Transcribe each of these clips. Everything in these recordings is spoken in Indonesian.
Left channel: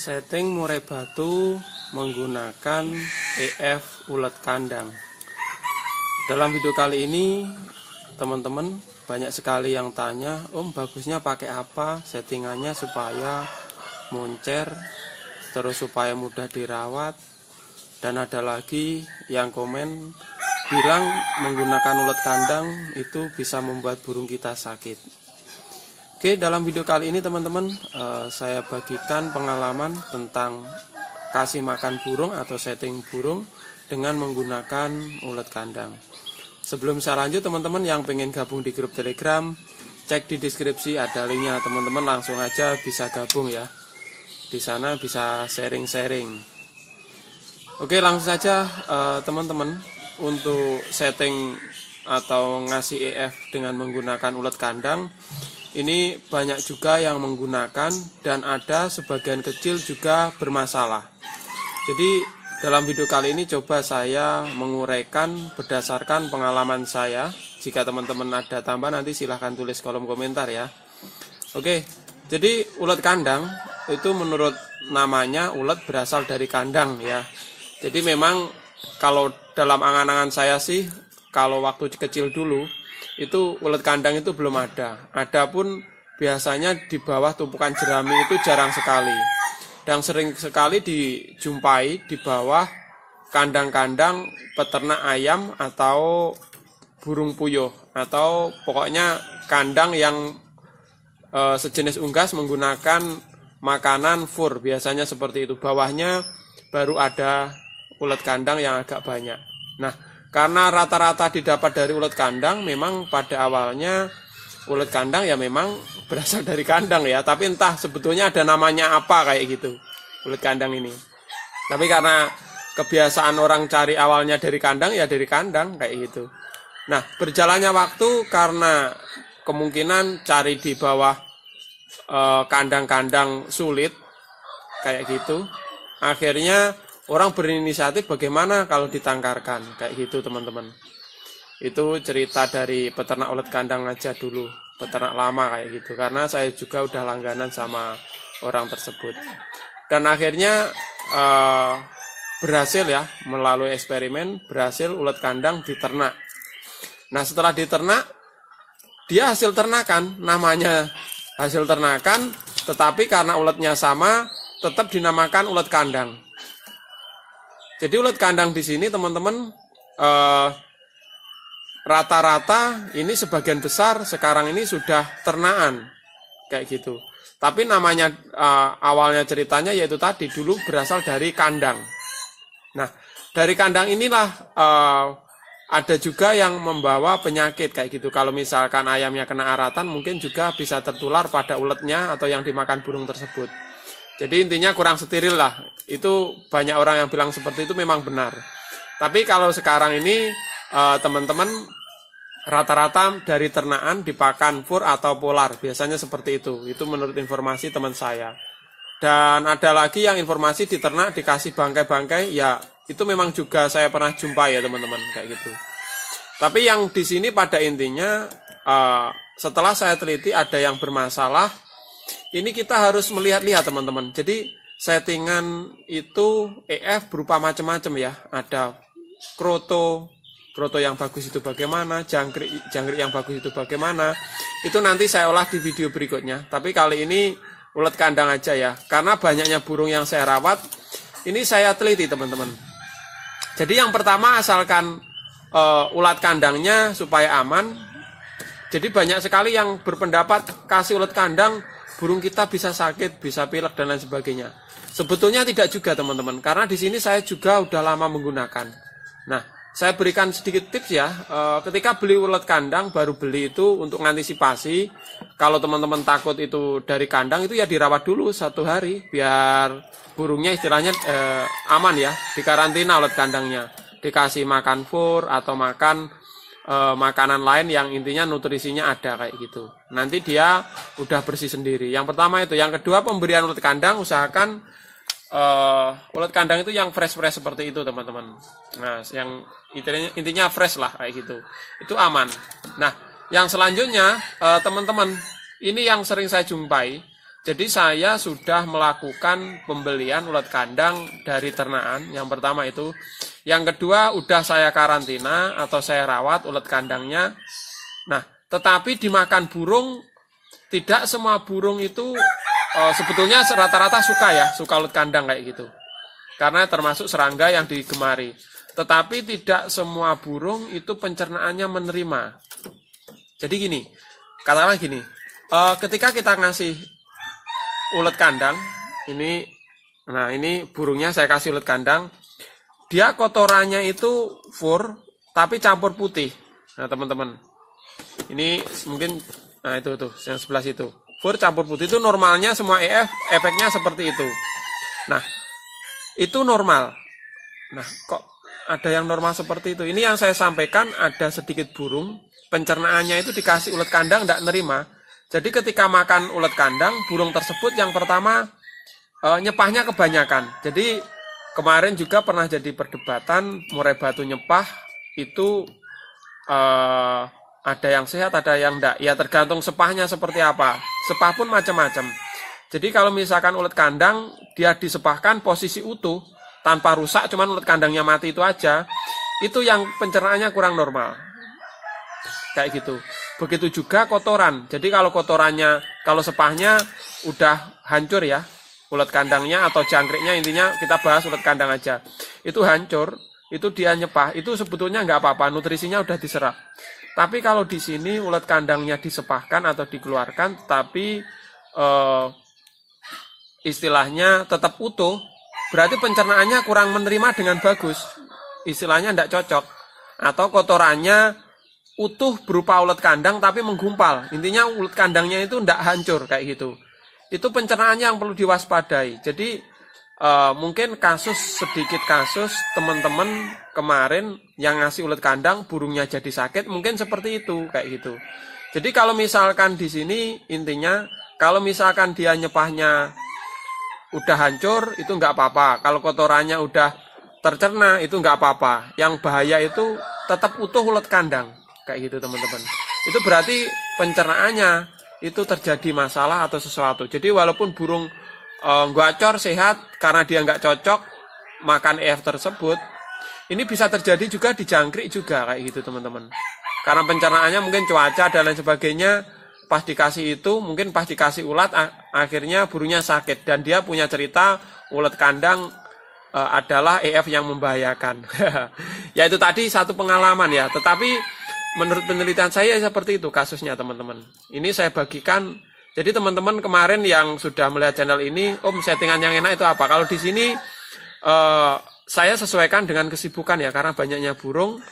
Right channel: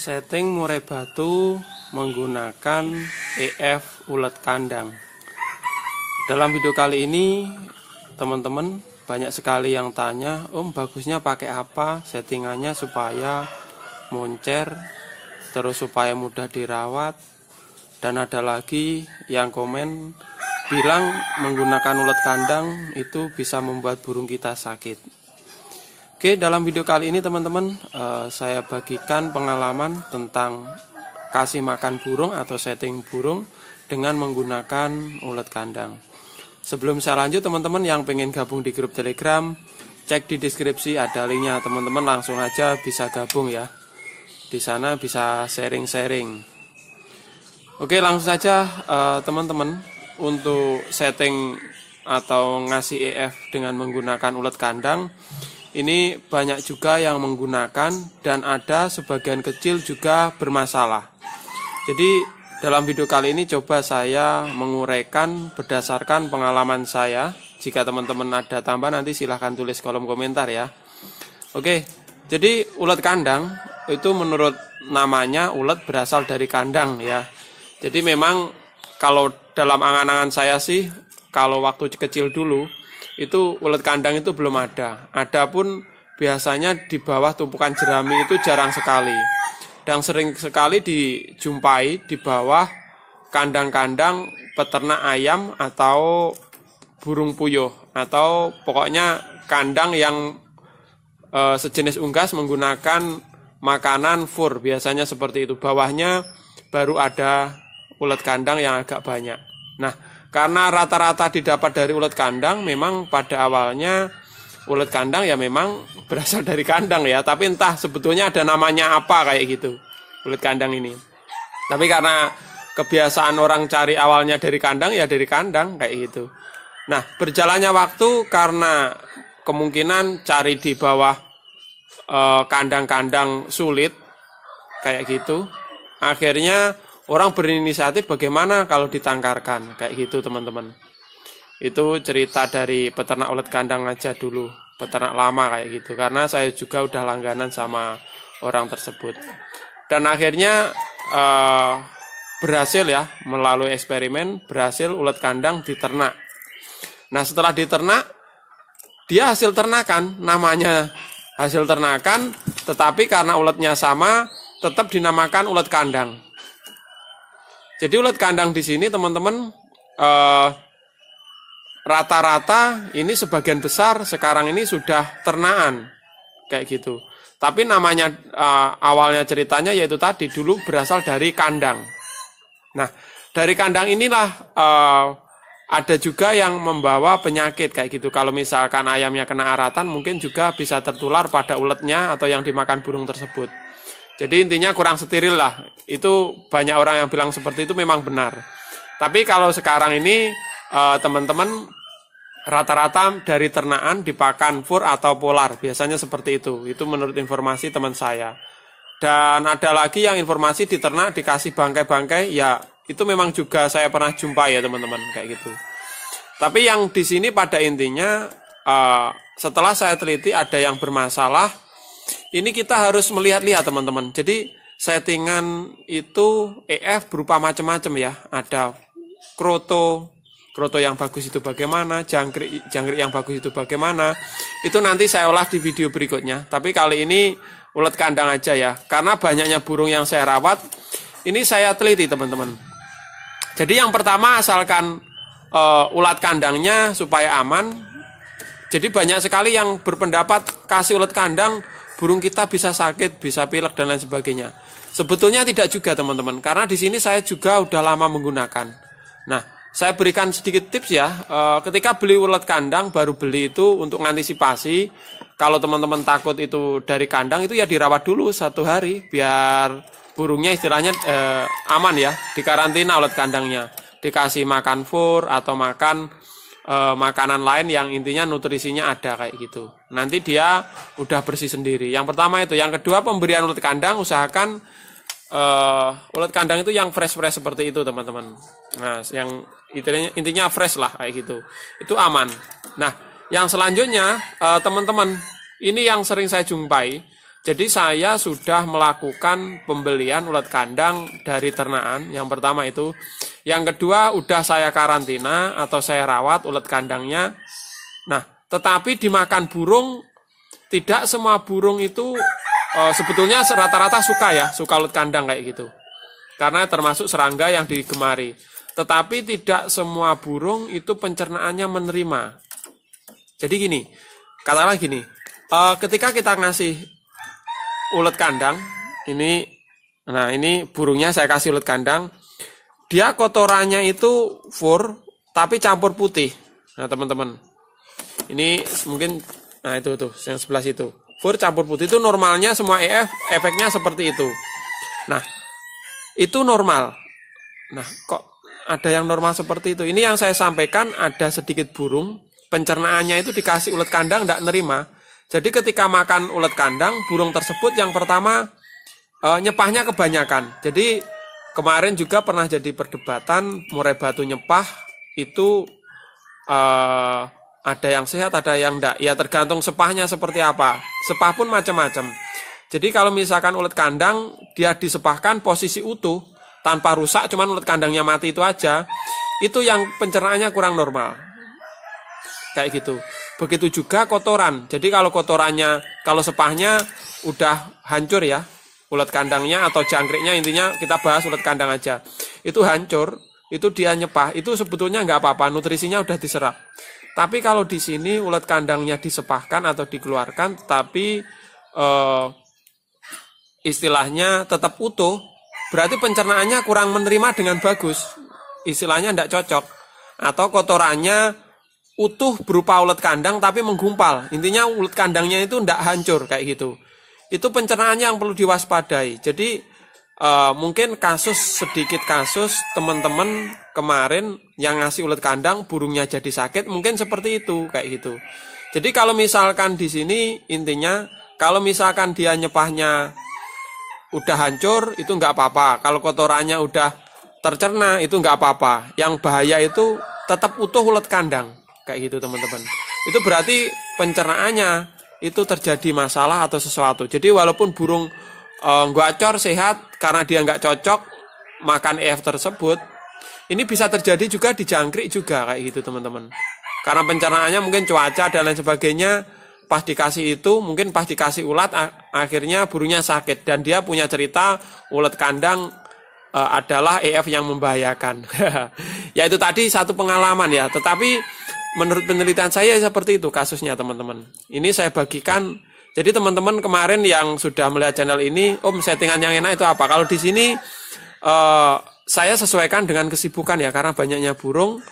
Setting murai batu menggunakan EF ulet kandang. Dalam video kali ini teman-teman banyak sekali yang tanya, Om bagusnya pakai apa settingannya supaya moncer, terus supaya mudah dirawat. Dan ada lagi yang komen bilang menggunakan ulet kandang itu bisa membuat burung kita sakit. Oke, dalam video kali ini teman-teman saya bagikan pengalaman tentang kasih makan burung atau setting burung dengan menggunakan ulet kandang. Sebelum saya lanjut, teman-teman yang pengen gabung di grup Telegram, cek di deskripsi ada linknya, teman-teman langsung aja bisa gabung ya. Di sana bisa sharing-sharing. Oke, langsung saja teman-teman untuk setting atau ngasih EF dengan menggunakan ulet kandang. Ini banyak juga yang menggunakan dan ada sebagian kecil juga bermasalah. Jadi dalam video kali ini coba saya menguraikan berdasarkan pengalaman saya. Jika teman-teman ada tambahan nanti silahkan tulis kolom komentar ya. Oke, jadi ulet kandang itu menurut namanya ulet berasal dari kandang ya. Jadi memang kalau dalam angan-angan saya sih, kalau waktu kecil dulu itu ulet kandang itu belum ada. Adapun biasanya di bawah tumpukan jerami itu jarang sekali. Dan sering sekali dijumpai di bawah kandang-kandang peternak ayam atau burung puyuh, atau pokoknya kandang yang sejenis unggas menggunakan makanan fur, biasanya seperti itu. Bawahnya baru ada ulet kandang yang agak banyak. Nah, karena rata-rata didapat dari ulet kandang, memang pada awalnya ulet kandang ya memang berasal dari kandang ya. Tapi entah sebetulnya ada namanya apa kayak gitu, ulet kandang ini. Tapi karena kebiasaan orang cari awalnya dari kandang, ya dari kandang kayak gitu. Nah, berjalannya waktu karena kemungkinan cari di bawah kandang-kandang sulit kayak gitu, akhirnya orang berinisiatif bagaimana kalau ditangkarkan, kayak gitu teman-teman. Itu cerita dari peternak ulet kandang aja dulu, peternak lama kayak gitu. Karena saya juga udah langganan sama orang tersebut. Dan akhirnya berhasil ya, melalui eksperimen, berhasil ulet kandang diternak. Nah setelah diternak, dia hasil ternakan, namanya hasil ternakan, tetapi karena uletnya sama, tetap dinamakan ulet kandang. Jadi ulet kandang di sini teman-teman rata-rata ini sebagian besar sekarang ini sudah ternakan kayak gitu. Tapi namanya awalnya ceritanya yaitu tadi dulu berasal dari kandang. Nah dari kandang inilah ada juga yang membawa penyakit kayak gitu. Kalau misalkan ayamnya kena aratan mungkin juga bisa tertular pada uletnya atau yang dimakan burung tersebut. Jadi intinya kurang steril lah. Itu banyak orang yang bilang seperti itu memang benar. Tapi kalau sekarang ini teman-teman rata-rata dari ternakan dipakan fur atau polar. Biasanya seperti itu. Itu menurut informasi teman saya. Dan ada lagi yang informasi di ternak dikasih bangkai-bangkai. Ya itu memang juga saya pernah jumpa ya teman-teman kayak gitu. Tapi yang di sini pada intinya setelah saya teliti ada yang bermasalah. Ini kita harus melihat-lihat teman-teman. Jadi settingan itu EF berupa macam-macam ya. Ada kroto yang bagus itu bagaimana, jangkrik yang bagus itu bagaimana. Itu nanti saya olah di video berikutnya. Tapi kali ini ulet kandang aja ya. Karena banyaknya burung yang saya rawat, ini saya teliti teman-teman. Jadi yang pertama asalkan ulet kandangnya supaya aman. Jadi banyak sekali yang berpendapat kasih ulet kandang burung kita bisa sakit, bisa pilek dan lain sebagainya. Sebetulnya tidak juga teman-teman, karena di sini saya juga udah lama menggunakan. Nah, saya berikan sedikit tips ya. Ketika beli ulet kandang, baru beli itu untuk mengantisipasi. Kalau teman-teman takut itu dari kandang itu ya dirawat dulu 1 hari, biar burungnya istilahnya aman ya, dikarantina ulet kandangnya, dikasih makan fur atau makan makanan lain yang intinya nutrisinya ada kayak gitu. Nanti dia udah bersih sendiri. Yang pertama itu. Yang kedua pemberian ulet kandang, usahakan ulet kandang itu yang fresh seperti itu teman-teman. Nah yang intinya fresh lah kayak gitu. Itu aman. Nah yang selanjutnya teman-teman, ini yang sering saya jumpai. Jadi saya sudah melakukan pembelian ulat kandang dari ternakan. Yang pertama itu. Yang kedua, udah saya karantina atau saya rawat ulat kandangnya. Nah, tetapi dimakan burung, tidak semua burung itu sebetulnya rata-rata suka ulat kandang kayak gitu. Karena termasuk serangga yang digemari. Tetapi tidak semua burung itu pencernaannya menerima. Jadi gini, katakanlah gini, ketika kita ngasih ulat kandang, ini burungnya saya kasih ulat kandang, dia kotorannya itu fur, tapi campur putih. Nah teman-teman, ini mungkin, nah itu tuh, yang sebelah situ, fur campur putih itu normalnya semua efeknya seperti itu. Nah, itu normal. Nah, kok ada yang normal seperti itu? Ini yang saya sampaikan, ada sedikit burung, pencernaannya itu dikasih ulat kandang, tidak nerima. Jadi ketika makan ulat kandang, burung tersebut yang pertama nyepahnya kebanyakan. Jadi kemarin juga pernah jadi perdebatan, murai batu nyepah itu ada yang sehat, ada yang enggak. Ya tergantung sepahnya seperti apa. Sepah pun macam-macam. Jadi kalau misalkan ulat kandang, dia disepahkan posisi utuh, tanpa rusak, cuman ulat kandangnya mati itu aja, itu yang pencernaannya kurang normal. Kayak gitu. Begitu juga kotoran. Jadi kalau kotorannya, kalau sepahnya udah hancur ya, ulat kandangnya atau jangkriknya, intinya kita bahas ulat kandang aja. Itu hancur, itu dia nyepah, itu sebetulnya nggak apa-apa, nutrisinya udah diserap. Tapi kalau di sini ulat kandangnya disepahkan atau dikeluarkan, tapi istilahnya tetap utuh, berarti pencernaannya kurang menerima dengan bagus. Istilahnya tidak cocok. Atau kotorannya utuh berupa ulat kandang tapi menggumpal. Intinya ulat kandangnya itu tidak hancur kayak gitu. Itu pencernaannya yang perlu diwaspadai. Jadi mungkin sedikit kasus teman-teman kemarin yang ngasih ulat kandang burungnya jadi sakit, mungkin seperti itu kayak gitu. Jadi kalau misalkan di sini intinya kalau misalkan dia nyepahnya udah hancur itu nggak apa-apa. Kalau kotorannya udah tercerna itu nggak apa-apa. Yang bahaya itu tetap utuh ulat kandang kayak gitu teman-teman. Itu berarti pencernaannya itu terjadi masalah atau sesuatu. Jadi walaupun burung gacor sehat karena dia nggak cocok makan EF tersebut, ini bisa terjadi juga di jangkrik juga kayak gitu teman-teman. Karena pencernaannya mungkin cuaca dan lain sebagainya. Pas dikasih itu, mungkin pas dikasih ulat, akhirnya burungnya sakit. Dan dia punya cerita, ulat kandang adalah EF yang membahayakan. Ya itu tadi satu pengalaman ya. Tetapi menurut penelitian saya seperti itu kasusnya teman-teman. Ini saya bagikan. Jadi teman-teman kemarin yang sudah melihat channel ini, settingan yang enak itu apa? Kalau di sini saya sesuaikan dengan kesibukan ya, karena banyaknya burung.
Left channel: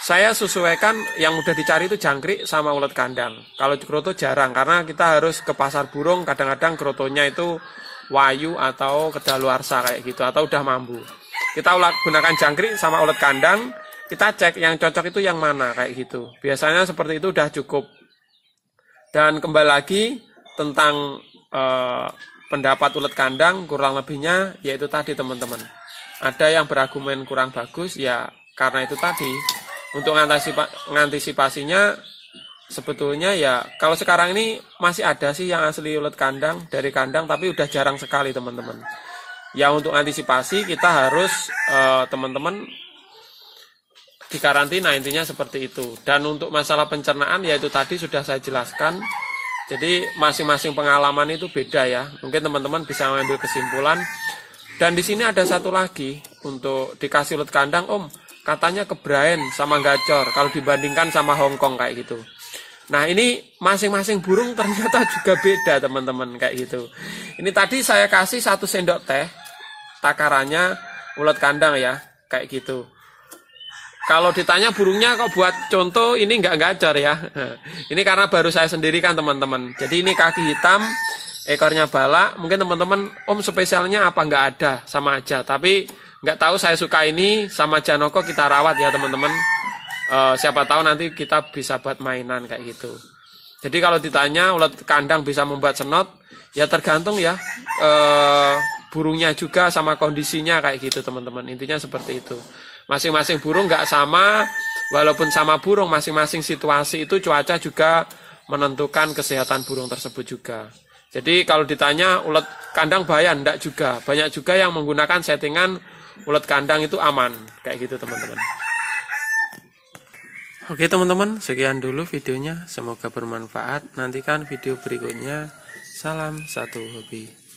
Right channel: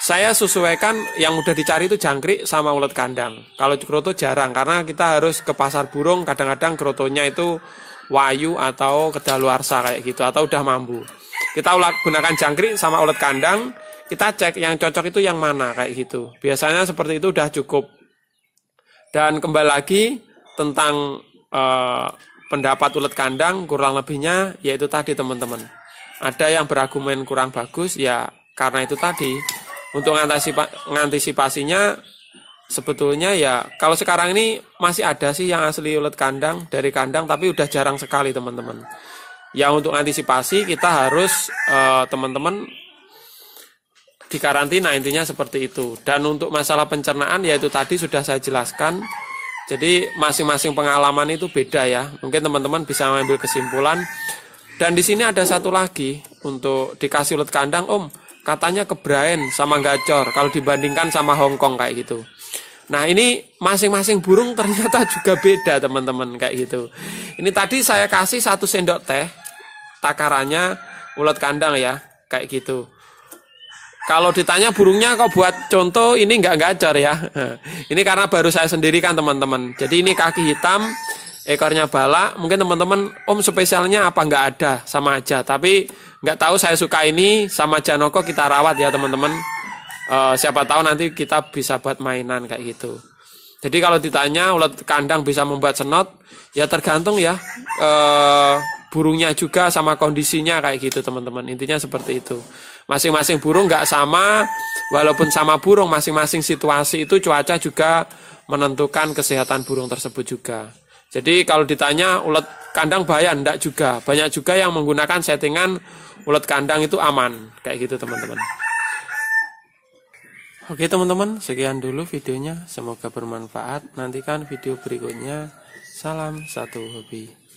Saya sesuaikan yang mudah dicari itu jangkrik sama ulat kandang. Kalau kroto jarang karena kita harus ke pasar burung, kadang-kadang krotonya itu wayu atau kedaluarsa kayak gitu atau udah mambu. Kita gunakan jangkrik sama ulat kandang, kita cek yang cocok itu yang mana kayak gitu. Biasanya seperti itu udah cukup. Dan kembali lagi tentang pendapat ulat kandang kurang lebihnya yaitu tadi teman-teman. Ada yang berargumen kurang bagus ya karena itu tadi. Untuk mengantisipasinya sebetulnya ya kalau sekarang ini masih ada sih yang asli ulat kandang dari kandang tapi udah jarang sekali teman-teman. Ya untuk antisipasi kita harus teman-teman dikarantina intinya seperti itu. Dan untuk masalah pencernaan ya itu tadi sudah saya jelaskan. Jadi masing-masing pengalaman itu beda ya. Mungkin teman-teman bisa mengambil kesimpulan. Dan di sini ada satu lagi untuk dikasih ulat kandang katanya kebraen sama gacor kalau dibandingkan sama Hongkong kayak gitu. Nah ini masing-masing burung ternyata juga beda teman-teman kayak gitu. Ini tadi saya kasih 1 sendok teh takarannya ulat kandang ya kayak gitu. Kalau ditanya burungnya kok buat contoh ini nggak gacor ya. Ini karena baru saya sendiri kan teman-teman. Jadi ini kaki hitam, ekornya balak. Mungkin teman-teman spesialnya apa nggak ada sama aja. Tapi nggak tahu saya suka ini sama Janoko kita rawat ya teman-teman. Siapa tahu nanti kita bisa buat mainan kayak gitu. Jadi kalau ditanya ulat kandang bisa membuat senot, ya tergantung ya burungnya juga sama kondisinya kayak gitu teman-teman. Intinya seperti itu. Masing-masing burung nggak sama, walaupun sama burung masing-masing situasi itu cuaca juga menentukan kesehatan burung tersebut juga. Jadi kalau ditanya ulet kandang bahaya, enggak juga. Banyak juga yang menggunakan settingan ulet kandang itu aman. Kayak gitu teman-teman. Oke teman-teman, sekian dulu videonya. Semoga bermanfaat. Nantikan video berikutnya. Salam satu hobi.